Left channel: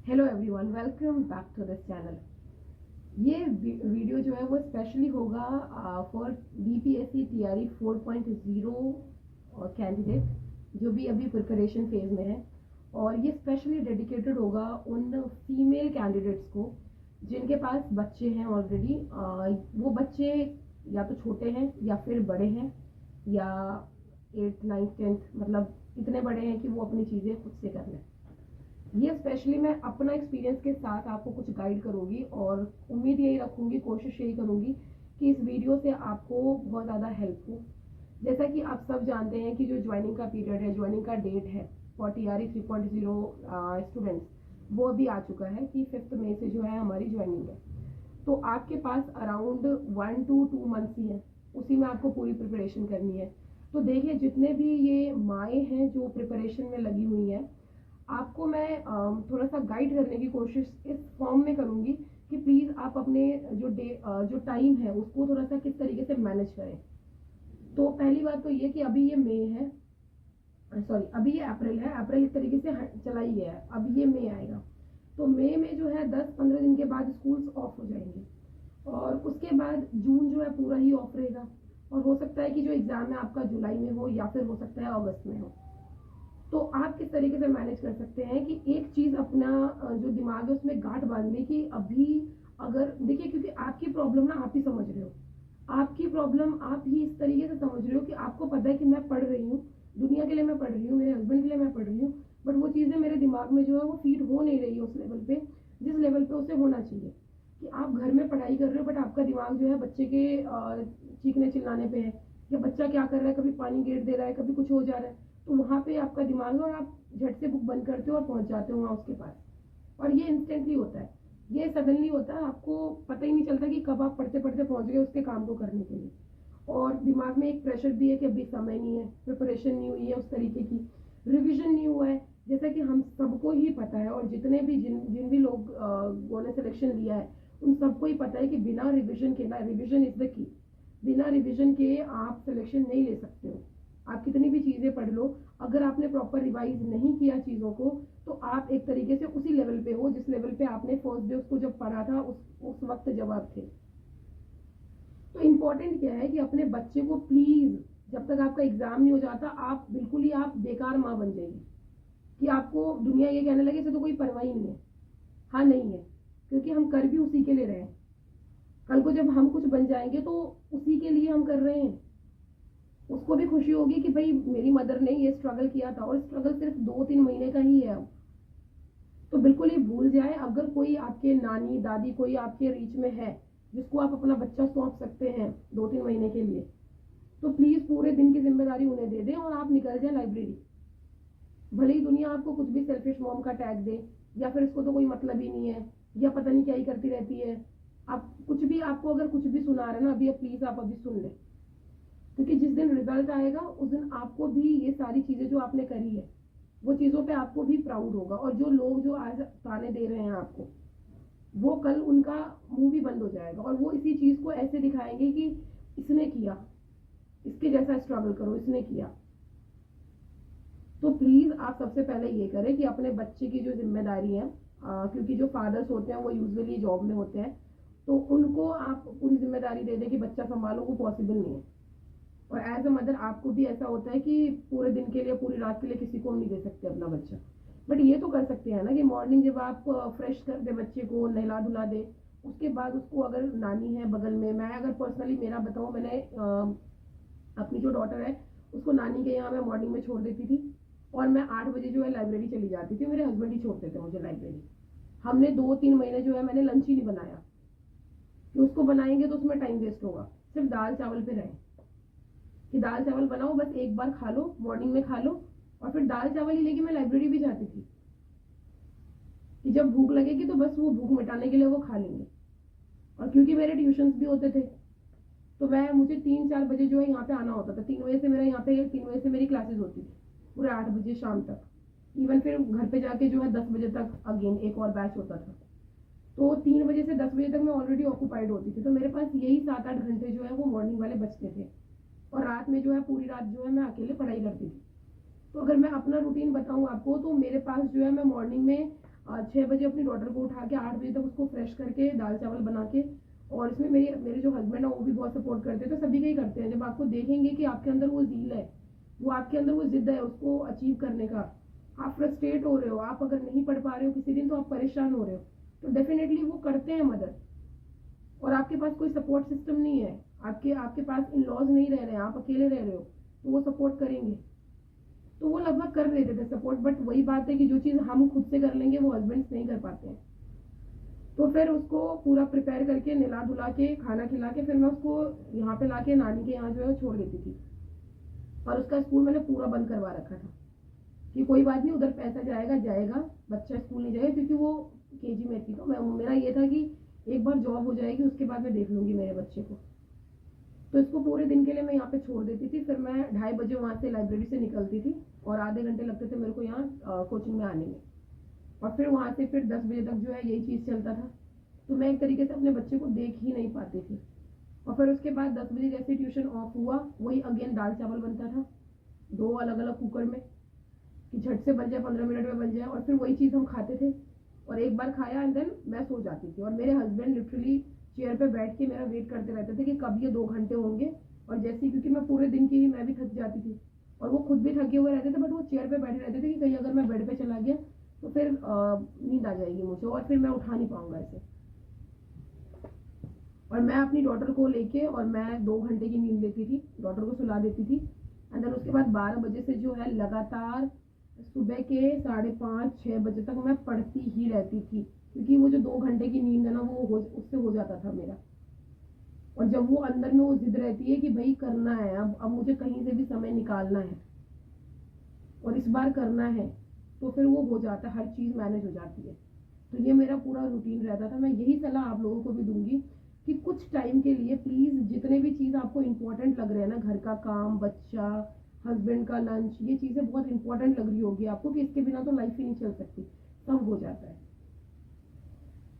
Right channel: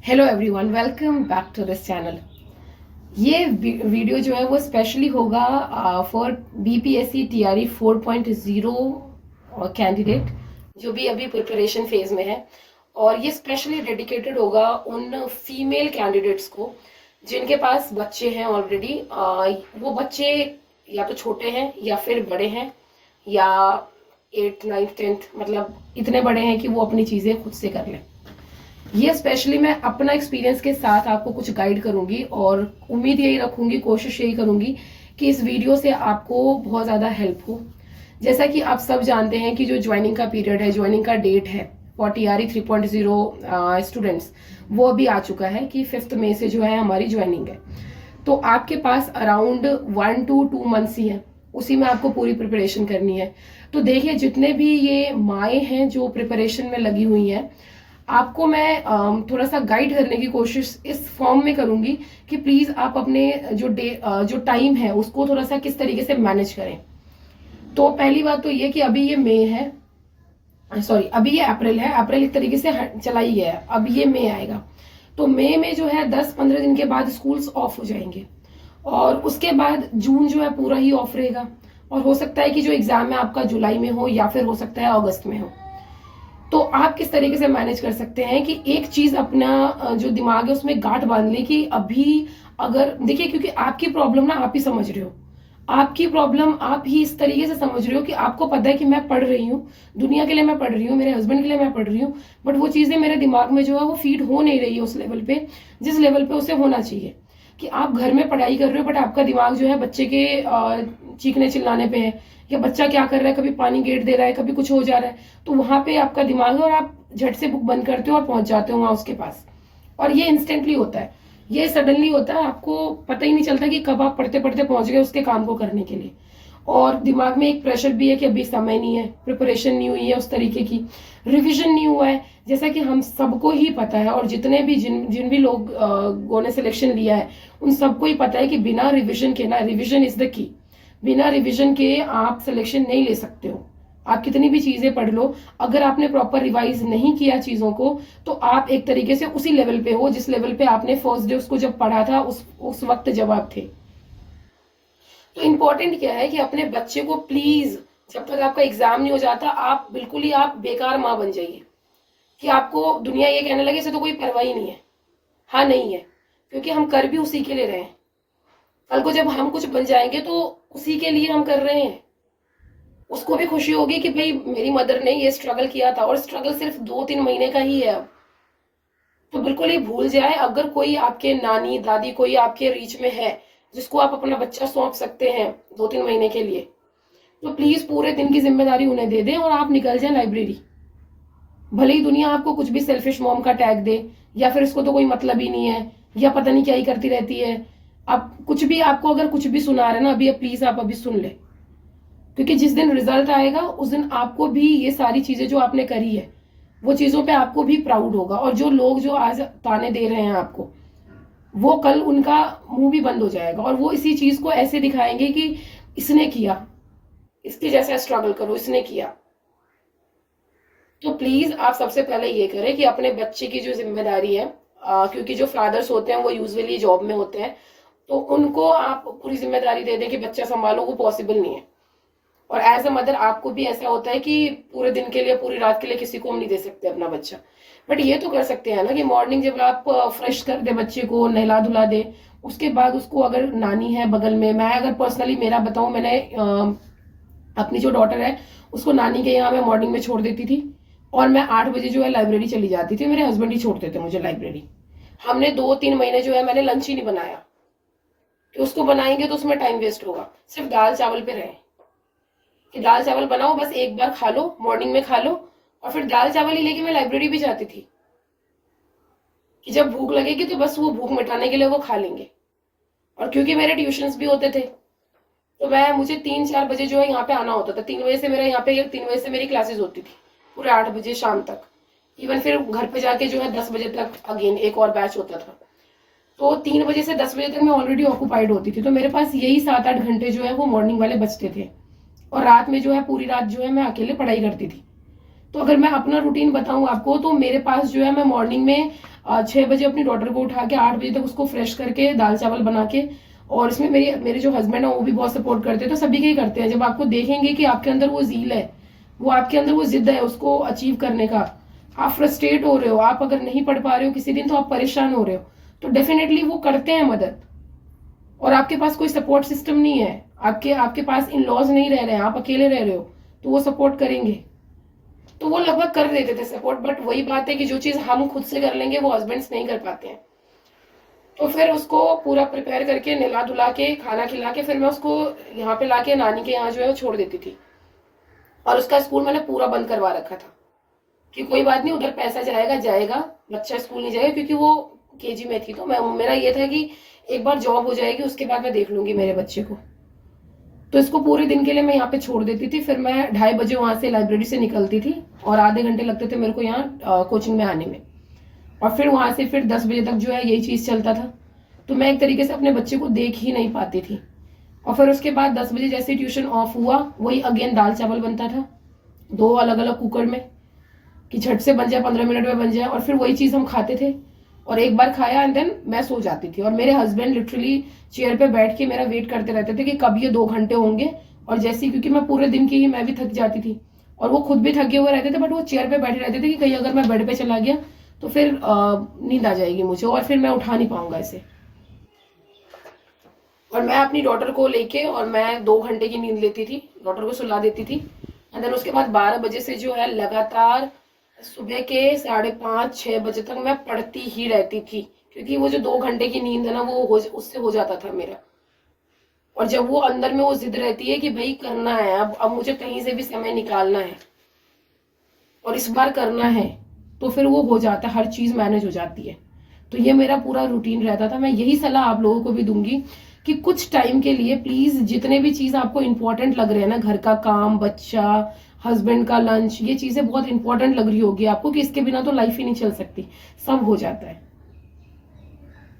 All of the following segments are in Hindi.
Hello everyone, welcome back to this channel. ये वीडियो जो है वो स्पेशली होगा फॉर बीपीएससी टीआरई 4.0 कैंडिडेट जो भी अभी प्रिपरेशन फेज में है। और ये स्पेशली डेडिकेटेड होगा उन फीमेल कैंडिडेट्स को जिनके पास बच्चे हैं ऑलरेडी। वो बच्चे या तो छोटे हैं या फिर बड़े हैं या 8, 9, 10 मतलब इतने बड़े हैं कि वो अपनी चीज़ें खुद से कर लें। ये स्पेशली मैं अपना एक्सपीरियंस के साथ आपको कुछ गाइड करूंगी और उम्मीद यही रखूंगी, कोशिश यही करूंगी कि इस वीडियो से आपको बहुत ज़्यादा हेल्प हो। जैसा कि आप सब जानते हैं कि जो ज्वाइनिंग का पीरियड है, ज्वाइनिंग का डेट है फॉर टीआरई 3.0 स्टूडेंट्स, वो अभी आ चुका है कि 5 मई से जो है हमारी ज्वाइनिंग है। तो आपके पास अराउंड 1 to 2 मंथ्स ही है, उसी में आपको पूरी प्रिपरेशन करनी है। तो देखिए, जितने भी ये माएँ हैं जो प्रिपरेशन में लगी हुई हैं, आपको मैं थोड़ा सा गाइड करने की कोशिश इस फॉर्म में करूंगी कि प्लीज आप अपने जो टाइम है उसको थोड़ा सा किस तरीके से मैनेज करें। तो पहली बात तो ये कि अभी ये मई है, सॉरी अभी ये अप्रैल है। अप्रैल एक तरीके से चला ही गया है, अब ये मई आएगा। तो मई में जो है 10-15 दिन के बाद स्कूल्स ऑफ हो जाएंगे और उसके बाद जून जो है पूरा ही ऑफ रहेगा। और हो सकता है कि जो एग्जाम है आपका जुलाई में हो या फिर हो सकता है अगस्त में हो। तो आप किस तरीके से मैनेज कर सकते हैं कि एक चीज अपना जो दिमाग है उसमें गांठ बांध ले कि अभी अगर देखिए, क्योंकि आपकी प्रॉब्लम ना आप ही समझ रहे हो, आपकी प्रॉब्लम आप ही इस तरीके से समझ रहे हो कि आपको पता है कि मैं पढ़ रही हूँ, दुनिया के लिए मैं पढ़ रही हूँ, मेरे हस्बैंड के लिए मैं पढ़ रही हूँ, बट वो चीजें मेरे दिमाग में जो है वो फीड हो नहीं रही है उस लेवल पे जिस लेवल पे उसे होना चाहिए। कि आप घर में पढ़ाई कर रहे हो बट आपका दिमाग जो है बच्चे के चीखने चिल्लाने पे है, या बच्चा क्या कर रहा है, कभी पानी गेट दे रहा है, कभी कुछ हो जा रहा है, तो वहां पे आपका दिमाग है और आप झट से बुक बंद करते हो और पहुंच जाते हो वहां उसके पास। और ये इंस्टेंटली होता है, ये सडनली होता है, आपको पता ही नहीं चलता कि कब आप पढ़ते पढ़ते पहुंच गए उसके काम को करने के लिए। और दिमाग में एक प्रेशर भी है कि अभी समय नहीं है, प्रिपरेशन नहीं हुई है उस तरीके की, रिविजन नहीं हुआ है। जैसा कि हम सबको ही पता है और जितने भी जिन भी लोगों ने सिलेक्शन लिया है उन सबको ही पता है कि बिना रिविजन के ना, रिविजन इज द की, बिना रिविजन के आप सिलेक्शन नहीं ले सकते हो। आप कितनी भी चीजें पढ़ लो, अगर आपने प्रॉपर रिवाइज नहीं किया चीजों को तो आप एक तरीके से उसी लेवल पे हो जिस लेवल पे आपने फर्स्ट डे उसको जब पढ़ा था उस वक्त जब आप थे। तो इम्पोर्टेंट क्या है कि अपने बच्चे को प्लीज, जब तक आपका एग्जाम नहीं हो जाता, आप बिल्कुल ही आप बेकार माँ बन जाइए कि आपको दुनिया ये कहने लगे इसे तो कोई परवाह ही नहीं है। हाँ, नहीं है, क्योंकि हम कर भी उसी के लिए रहे हैं। कल को जब हम कुछ बन जाएंगे तो उसी के लिए हम कर रहे हैं। उसको भी खुशी होगी कि भाई मेरी मदर ने ये स्ट्रगल किया था, और स्ट्रगल सिर्फ 2-3 महीने का ही है अब। तो बिल्कुल ही भूल जाए, अगर कोई आपके नानी दादी कोई आपके रीच में है जिसको आप अपना बच्चा सौंप सकते हैं 2-3 महीने के लिए, तो प्लीज पूरे दिन की जिम्मेदारी उन्हें दे दें और आप निकल जाए लाइब्रेरी। भले ही दुनिया आपको कुछ भी सेल्फिश मॉम का टैग दे, या फिर इसको तो कोई मतलब ही नहीं है, या पता नहीं क्या ही करती रहती है, आप कुछ भी, आपको अगर कुछ भी सुना रहे ना अभी, प्लीज आप अभी सुन ले। क्योंकि जिस दिन रिजल्ट आएगा उस दिन आपको भी ये सारी चीजें जो आपने करी है वो चीजों पे आपको भी प्राउड होगा। और जो लोग जो आज ताने दे रहे हैं आपको, वो कल उनका मुंह भी बंद हो जाएगा और वो इसी चीज को ऐसे दिखाएंगे कि इसने किया, इसके जैसा स्ट्रगल करो, इसने किया। तो प्लीज आप सबसे पहले ये करें कि अपने बच्चे की जो जिम्मेदारी है, क्योंकि जो फादर्स होते हैं वो यूजुअली जॉब में होते हैं, तो उनको आप पूरी जिम्मेदारी दे दें कि बच्चा संभालो, वो पॉसिबल नहीं है। और एज अ मदर आपको भी ऐसा होता है कि पूरे दिन के लिए, पूरी रात के लिए किसी को हम नहीं दे सकते अपना बच्चा, बट ये तो कर सकते हैं ना कि मॉर्निंग जब आप फ्रेश कर दे बच्चे को, नहला धुला दे, उसके बाद उसको, अगर नानी है बगल में, मैं अगर पर्सनली मेरा बताऊं, मैंने अपनी जो डॉटर है उसको नानी के यहाँ मैं मॉर्निंग में छोड़ देती थी और मैं 8 बजे जो है लाइब्रेरी चली जाती थी। मेरे हस्बैंड ही छोड़ते थे मुझे लाइब्रेरी। हमने 2-3 महीने जो है मैंने लंच ही नहीं बनाया कि उसको बनाएंगे तो उसमें टाइम वेस्ट होगा, सिर्फ दाल चावल पे रहे कि दाल चावल बनाओ, बस एक बार खा लो, मॉर्निंग में खा लो, और फिर दाल चावल ही लेके मैं लाइब्रेरी भी जाती थी कि जब भूख लगेगी तो बस वो भूख मिटाने के लिए वो खा लेंगे। और क्योंकि मेरे ट्यूशंस भी होते थे तो मुझे 3-4 बजे जो है यहाँ पे आना होता था। 3 बजे से मेरा यहाँ पे 3 बजे से मेरी क्लासेस होती थी पूरे 8 बजे शाम तक। इवन फिर घर पे जाके जो है 10 बजे तक अगेन एक और बैच होता था। तो 3 बजे से 10 बजे तक मैं ऑलरेडी ऑक्यूपाइड होती थी, तो मेरे पास यही 7-8 घंटे जो है वो मॉर्निंग वाले बचते थे। और रात में जो है पूरी रात जो है मैं अकेले पढ़ाई करती थी। तो अगर मैं अपना रूटीन बताऊं आपको, तो मेरे पास जो है, मैं मॉर्निंग में 6 बजे अपनी डॉटर को उठा के 8 बजे तक उसको फ्रेश करके दाल चावल बना के, और इसमें मेरे जो हस्बैंड है वो भी बहुत सपोर्ट करते हैं, तो सभी के ही करते हैं। जब आपको देखेंगे कि आपके अंदर वो ज़ील है, वो आपके अंदर वो जिद है उसको अचीव करने का, आप फ्रस्ट्रेट हो रहे हो, आप अगर नहीं पढ़ पा रहे हो किसी दिन तो आप परेशान हो रहे हो, तो डेफिनेटली वो करते हैं मदद। और आपके पास कोई सपोर्ट सिस्टम नहीं है, आपके पास इन लॉज नहीं रह रहे हैं, आप अकेले रह रहे हो, तो वो सपोर्ट करेंगे। तो वो लगभग कर देते थे सपोर्ट, बट वही बात है कि जो चीज हम खुद से कर लेंगे वो हस्बैंड्स नहीं कर पाते हैं। तो फिर उसको पूरा प्रिपेयर करके नहला धुला के खाना खिला के फिर मैं उसको यहाँ पे लाके नानी के यहाँ जो है वो छोड़ देती थी। और उसका स्कूल मैंने पूरा बंद करवा रखा था कि कोई बात नहीं, उधर पैसा जाएगा जाएगा, बच्चा स्कूल नहीं जाएगा, क्योंकि वो केजी में थी। तो मेरा ये था कि एक बार जॉब हो जाएगी उसके बाद मैं देख लूंगी मेरे बच्चे को। तो इसको पूरे दिन के लिए मैं यहाँ पे छोड़ देती थी। फिर मैं 2:30 बजे वहां से लाइब्रेरी से निकलती थी और आधे घंटे लगते थे मेरे को यहाँ कोचिंग में आने में, और फिर वहां से फिर 10 बजे तक जो है यही चीज चलता था। तो मैं एक तरीके से अपने बच्चे को देख ही नहीं पाती थी। और फिर उसके बाद 10 बजे जैसे ट्यूशन ऑफ हुआ, वही अगेन दाल चावल बनता था 2 अलग अलग कुकर में, कि झट से बन जाए, 15 मिनट में बन जाए, और फिर वही चीज हम खाते थे। और एक बार खाया एंड देन मैं सो जाती थी, और मेरे हस्बैंड लिटरली चेयर पे बैठ के मेरा वेट करते रहते थे कि कब ये 2 घंटे होंगे। और जैसे, क्योंकि मैं पूरे दिन की ही मैं भी थक जाती थी और वो खुद भी थके हुए रहते थे, बट वो चेयर पे बैठे रहते थे कि कहीं अगर मैं बेड पे चला गया तो फिर नींद आ जाएगी मुझे और फिर मैं उठा नहीं पाऊंगा इसे। और मैं अपनी डॉटर को लेके और मैं 2 घंटे की नींद लेती थी, डॉटर को सुला देती थी, एंड देन उसके बाद 12 बजे से जो है लगातार सुबह के 5:30-6 बजे तक मैं पढ़ती ही रहती थी, क्योंकि वो जो 2 घंटे की नींद है ना वो उससे हो जाता था मेरा। और जब वो अंदर में वो जिद रहती है कि भाई करना है, अब मुझे कहीं से भी समय निकालना है और इस बार करना है, तो फिर वो हो जाता है, हर चीज मैनेज हो जाती है। तो ये मेरा पूरा रूटीन रहता था। मैं यही सलाह आप लोगों को भी दूंगी कि कुछ टाइम के लिए प्लीज जितने भी चीज आपको इंपॉर्टेंट लग रहे हैं ना, घर का काम, बच्चा, हस्बैंड का लंच, ये चीजें बहुत इंपॉर्टेंट लग रही होगी आपको कि इसके बिना तो लाइफ ही नहीं चल सकती, सब हो जाता है।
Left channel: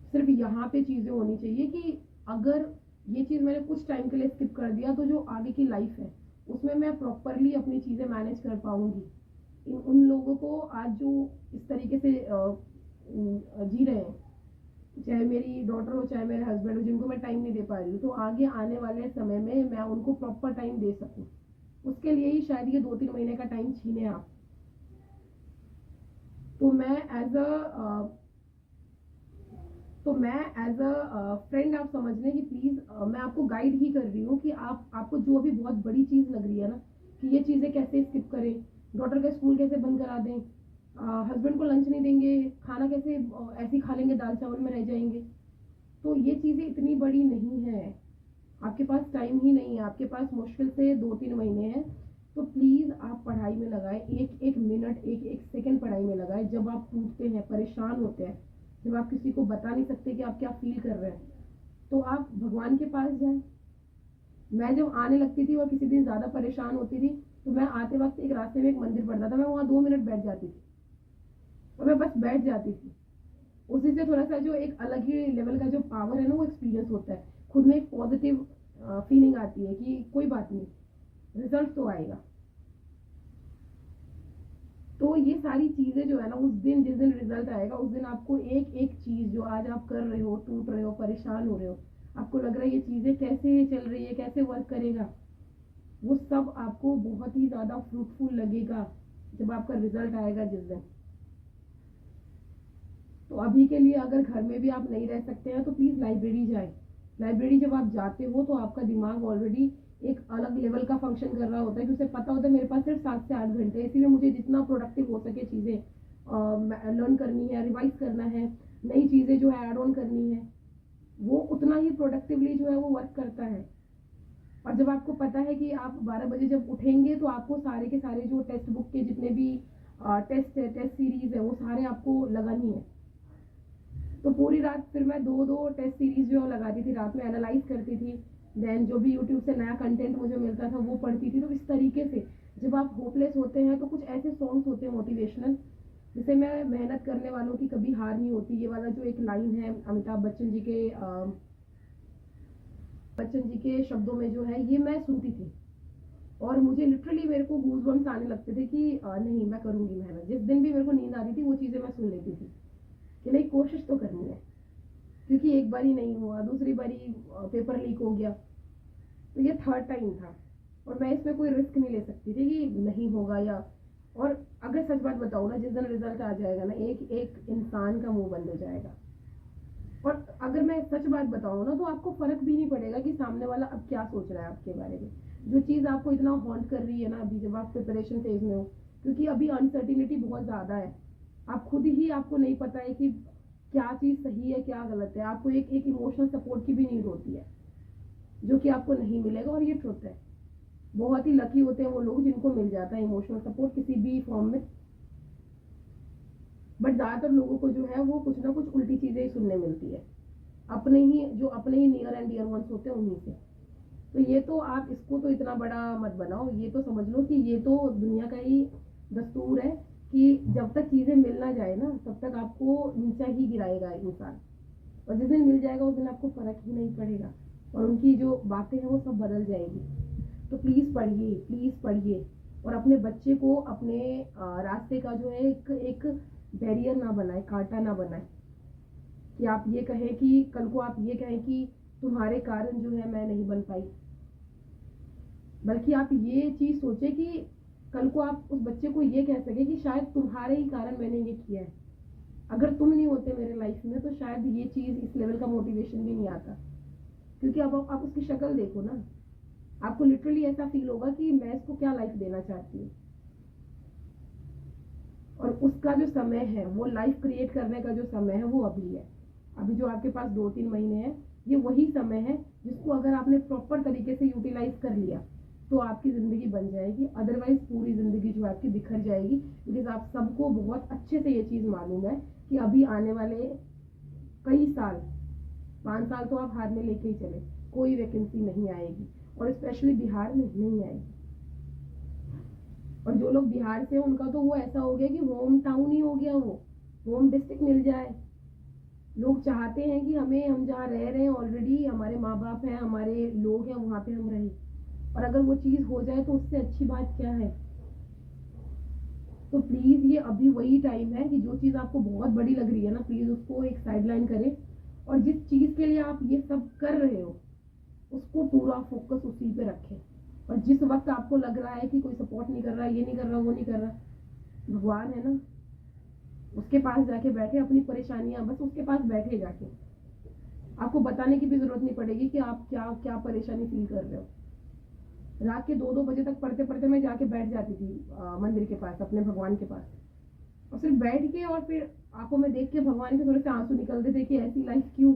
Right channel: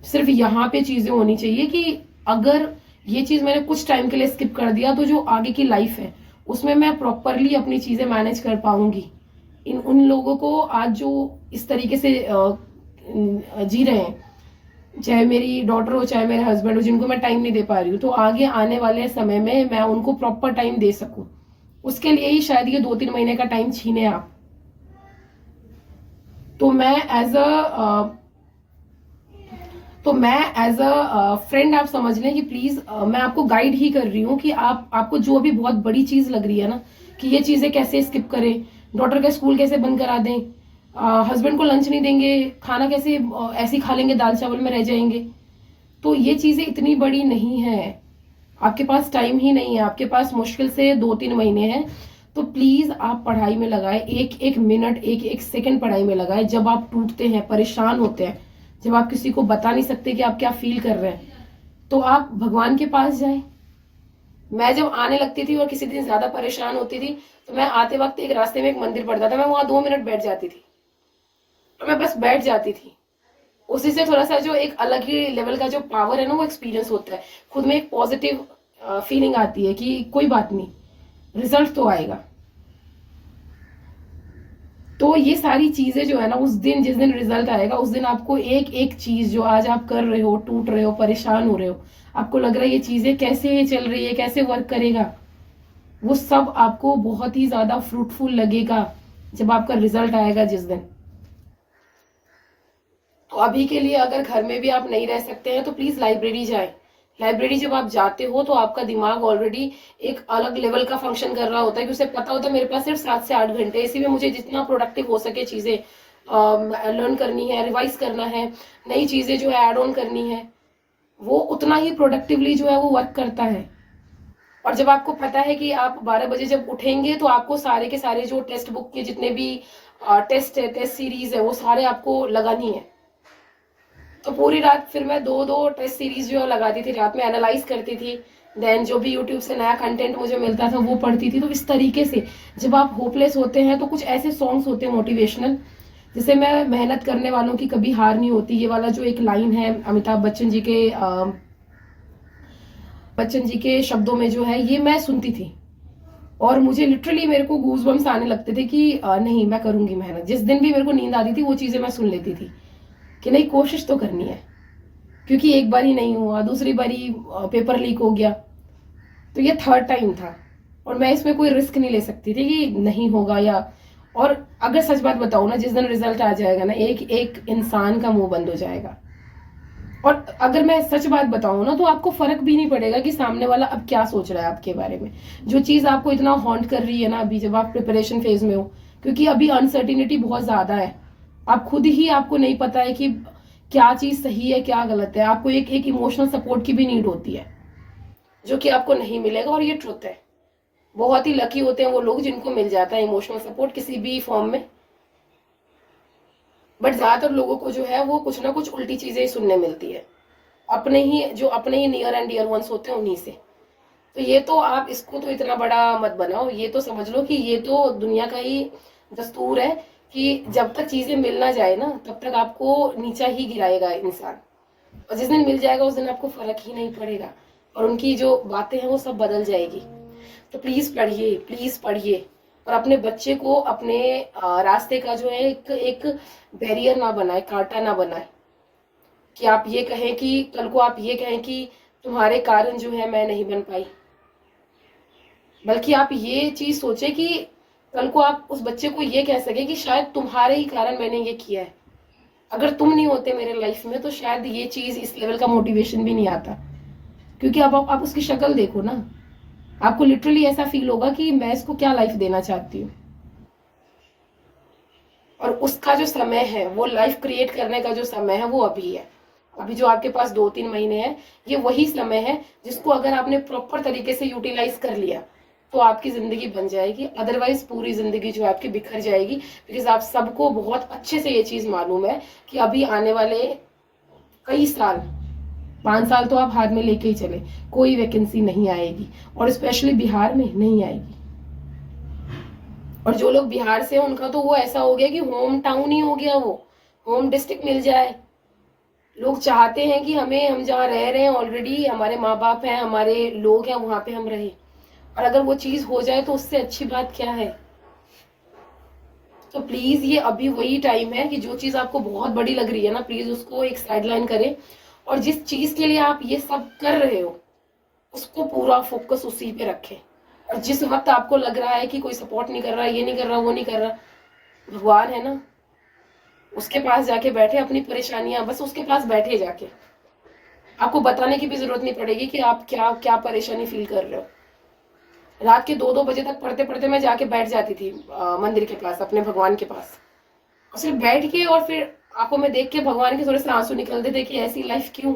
सिर्फ यहाँ पे चीजें होनी चाहिए कि अगर ये चीज मैंने कुछ टाइम के लिए स्किप कर दिया तो जो आगे की लाइफ है उसमें मैं प्रॉपरली अपनी चीजें मैनेज कर पाऊंगी। उन लोगों को आज जो इस तरीके से जी रहे हैं, चाहे मेरी डॉटर हो चाहे मेरे हस्बैंड हो, जिनको मैं टाइम नहीं दे पा रही हूँ, तो आगे आने वाले समय में मैं उनको प्रॉपर टाइम दे सकूं, उसके लिए ही शायद ये 2-3 महीने का टाइम छीने आप। तो मैं एज अ फ्रेंड आप समझ लें कि प्लीज मैं आपको गाइड ही कर रही हूँ कि आपको जो अभी बहुत बड़ी चीज लग रही है ना कि ये चीजें कैसे स्किप करें, डॉटर का स्कूल कैसे बंद करा दें, हस्बैंड को लंच नहीं देंगे, खाना कैसे ऐसे ही खा लेंगे, दाल चावल में रह जाएंगे, तो ये चीजें इतनी बड़ी नहीं है। आपके पास टाइम ही नहीं है, आपके पास मुश्किल से 2-3 महीने हैं। तो प्लीज आप पढ़ाई में लगाए, एक एक मिनट, एक एक सेकंड पढ़ाई में लगाए। जब आप टूटते हैं, परेशान होते हैं, जब आप किसी को बता नहीं सकते कि आप क्या फील कर रहे हैं, तो आप भगवान के पास जाए। मैं जब आने लगती थी और किसी दिन ज्यादा परेशान होती थी तो मैं आते वक्त एक रास्ते में एक मंदिर पड़ता था, मैं वहां 2 मिनट बैठ जाती थी और मैं बस बैठ जाती थी। उसी से थोड़ा सा जो एक अलग ही लेवल का जो पावर है ना वो एक्सपीरियंस होता है, खुद में एक पॉजिटिव फीलिंग आती है कि कोई बात नहीं, रिजल्ट तो आएगा। तो ये सारी चीजें जो है ना, उस दिन जिस दिन रिजल्ट आएगा उस दिन आपको एक एक चीज जो आज आप कर रहे हो, टूट रहे हो, परेशान हो रहे हो, आपको लग रहा है ये चीजें कैसे चल रही है, कैसे वर्क करेगा, वो सब आपको बहुत ही ज्यादा फ्रूटफुल लगेगा जब आपका रिजल्ट आएगा जिस दिन। तो अभी के लिए अगर घर में भी आप नहीं रह सकते हैं तो प्लीज लाइब्रेरी जाए। लाइब्रेरी जब आप जाते हो तो आपका दिमाग ऑलरेडी एक अलग लेवल का फंक्शन कर रहा होता है कि उसे पता होता है मेरे पास सिर्फ 7 से 8 घंटे, इसी में मुझे जितना प्रोडक्टिव हो सके चीजें लर्न करनी है, रिवाइज करना है, नई चीजें जो है ऐड ऑन करनी है, वो उतना ही प्रोडक्टिवली जो है वो वर्क करता है। और जब आपको पता है कि आप 12 बजे जब उठेंगे तो आपको सारे के सारे जो टेक्स्ट बुक के जितने भी टेस्ट है, टेस्ट सीरीज है, वो सारे आपको लगानी है। तो पूरी रात फिर मैं 2-2 टेस्ट सीरीज जो लगाती थी, रात में एनालाइज करती थी, देन जो भी यूट्यूब से नया कंटेंट मुझे मिलता था वो पढ़ती थी। तो इस तरीके से जब आप होपलेस होते हैं तो कुछ ऐसे सॉन्ग्स होते हैं मोटिवेशनल, जिसे मैं मेहनत करने वालों की कभी हार नहीं होती, ये वाला जो एक लाइन है अमिताभ बच्चन जी के शब्दों में जो है, ये मैं सुनती थी और मुझे लिटरली मेरे को गूज़बम्स आने लगते थे कि नहीं मैं करूंगी मेहनत। जिस दिन भी मेरे को नींद आती थी वो चीजें मैं सुन लेती थी। कि नहीं कोशिश तो करनी है, क्योंकि एक बार ही नहीं हुआ, दूसरी बार ही पेपर लीक हो गया, तो ये थर्ड टाइम था और मैं इसमें कोई रिस्क नहीं ले सकती थी कि नहीं होगा या। और अगर सच बात बताऊं ना, जिस दिन रिजल्ट आ जाएगा ना, एक एक इंसान का मुंह बंद हो जाएगा। और अगर मैं सच बात बताऊं ना, तो आपको फर्क भी नहीं पड़ेगा कि सामने वाला अब क्या सोच रहा है आपके बारे में। जो चीज आपको इतना हॉन्ट कर रही है ना अभी, जब आप प्रिपरेशन फेज में हो, क्योंकि अभी अनसर्टिनिटी बहुत ज्यादा है, आप खुद ही आपको नहीं पता है कि क्या चीज सही है क्या गलत है। आपको एक एक इमोशनल सपोर्ट की भी नीड होती है, जो कि आपको नहीं मिलेगा, और ये ट्रुथ है। बहुत ही लकी होते हैं वो लोग जिनको मिल जाता है इमोशनल सपोर्ट किसी भी फॉर्म में, बट ज्यादातर लोगों को जो है वो कुछ ना कुछ उल्टी चीजें ही सुनने मिलती है, अपने ही नियर एंड डियर वंस होते हैं उन्हीं से। तो ये तो आप इसको तो इतना बड़ा मत बनाओ, ये तो समझ लो कि ये तो दुनिया का ही दस्तूर है कि जब तक चीजें मिल ना जाए ना, तब तक आपको नीचा ही गिराएगा इंसान, और जिस दिन मिल जाएगा उस दिन आपको फर्क ही नहीं पड़ेगा, और उनकी जो बातें हैं वो सब बदल जाएगी। तो प्लीज पढ़िए, और अपने बच्चे को अपने रास्ते का जो है एक बैरियर ना बनाए, कांटा ना बनाए, कि आप ये कहें कि कल को आप ये कहें कि तुम्हारे कारण जो है मैं नहीं बन पाई, बल्कि आप ये चीज सोचे कि कल को आप उस बच्चे को ये कह सके कि शायद तुम्हारे ही कारण मैंने ये किया है, अगर तुम नहीं होते मेरे लाइफ में तो शायद ये चीज, इस लेवल का मोटिवेशन भी नहीं आता। क्योंकि अब आप उसकी शक्ल देखो ना, आपको लिटरली ऐसा फील होगा कि मैं इसको क्या लाइफ देना चाहती हूँ, और उसका जो समय है, वो लाइफ क्रिएट करने का जो समय है वो अभी है। अभी जो आपके पास 2-3 महीने हैं, ये वही समय है जिसको अगर आपने प्रॉपर तरीके से यूटिलाइज कर लिया तो आपकी जिंदगी बन जाएगी, अदरवाइज पूरी जिंदगी जो आपकी बिखर जाएगी। बिकॉज आप सबको बहुत अच्छे से ये चीज मालूम है कि अभी आने वाले कई साल, 5 साल तो आप हाथ में लेके ही चले, कोई वैकेंसी नहीं आएगी, और स्पेशली बिहार में नहीं आएगी। और जो लोग बिहार से हैं उनका तो वो ऐसा हो गया कि होम टाउन ही हो गया, वो होम डिस्ट्रिक्ट मिल जाए। लोग चाहते हैं कि हम जहाँ रह रहे हैं ऑलरेडी, हमारे माँ बाप हैं, हमारे लोग हैं, वहां पे हम रहे, और अगर वो चीज हो जाए तो उससे अच्छी बात क्या है। तो प्लीज ये अभी वही टाइम है कि जो चीज आपको बहुत बड़ी लग रही है ना, प्लीज उसको एक साइडलाइन करें, और जिस चीज के लिए आप ये सब कर रहे हो उसको पूरा फोकस उसी पे रखें। और जिस वक्त आपको लग रहा है कि कोई सपोर्ट नहीं कर रहा, ये नहीं कर रहा, वो नहीं कर रहा, भगवान है ना, उसके पास जाके बैठे, अपनी परेशानियां बस उसके पास बैठे जाके, आपको बताने की भी जरूरत नहीं पड़ेगी कि आप क्या क्या परेशानी फील कर रहे हो। रात के 2-2 बजे तक पढ़ते पढ़ते मैं जाके बैठ जाती थी मंदिर के पास, अपने भगवान के पास, और सिर्फ बैठ के और फिर आंखों में देख के भगवान के थोड़े से आंसू निकलते थे कि ऐसी लाइफ क्यों।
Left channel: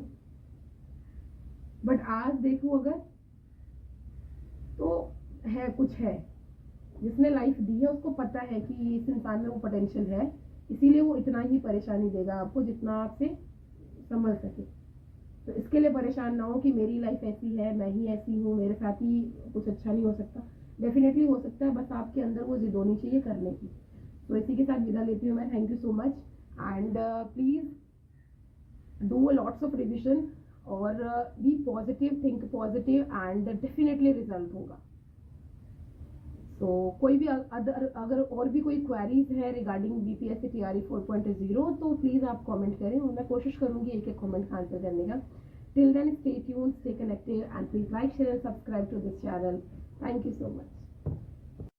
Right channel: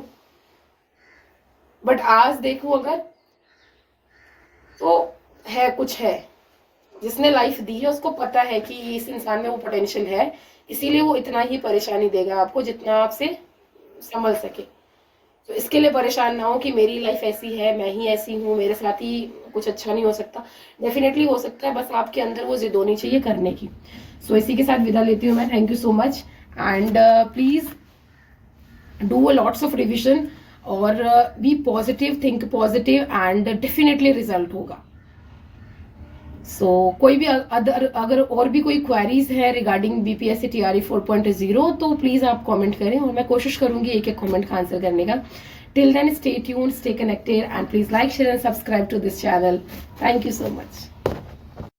बट आज देखूं अगर, तो है कुछ है, जिसने लाइफ दी है उसको पता है कि इस इंसान में वो पोटेंशियल है, इसीलिए वो इतना ही परेशानी देगा आपको जितना आपसे संभल सके। तो इसके लिए परेशान ना हो कि मेरी लाइफ ऐसी है, मैं ही ऐसी हूँ, मेरे साथ ही कुछ अच्छा नहीं हो सकता। डेफिनेटली हो सकता है, बस आपके अंदर वो जिद होनी चाहिए करने की। सो इसी के साथ विदा लेती हूँ मैं। Thank you so much, and please do lots of revision, और be positive, think positive, and definitely result होगा। सो कोई भी अगर और भी कोई क्वेरीज है रिगार्डिंग बीपीएससी टीआरई 4.0 तो प्लीज आप कमेंट करें, और मैं कोशिश करूंगी एक एक कमेंट का आंसर करने का। Till then stay tuned, stay connected, and please like, share and subscribe to this channel. Thank you so much.